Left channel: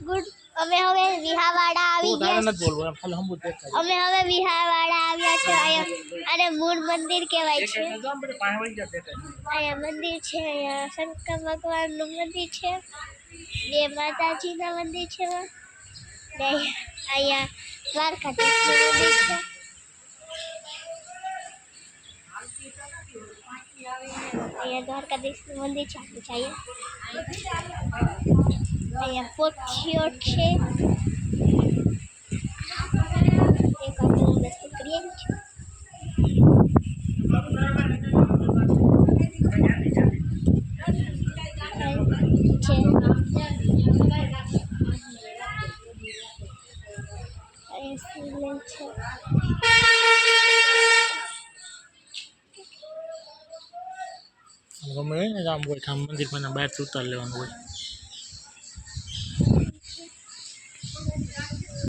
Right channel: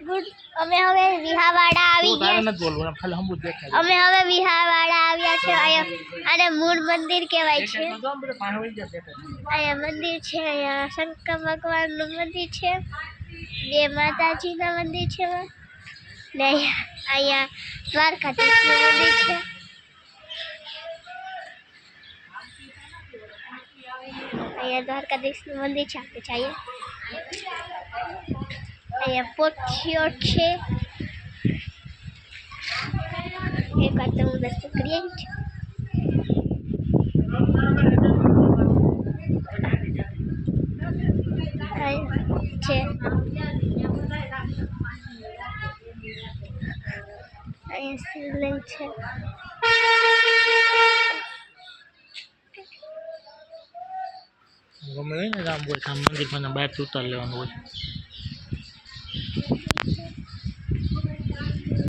good અમે હવે વિહાવાડા આવી ગયા અમે હવે વિહાવાડા આવ્યા છે અહીંયા અને મૂળ મંદિર કહેવાય છે અહીંયા મંદિર છે અહીંયા શંકર ભગવાનનું મંદિર છે બે માતાજીના મંદિર છે ને અહીંયા દ્વારકાધીશનું મંદિર છે અહીંયા દ્વારકાધીશનું મંદિર છે આપણે જઈએ અહીંયા પોઠીઓ છે એક વાર તો હું દસ્તો કરી આવી છું છે અહીંયા શિવલિંગ છે ગમે હોય ને આમ મંદિર માં બહાર ઉતાર લેવાનું હોય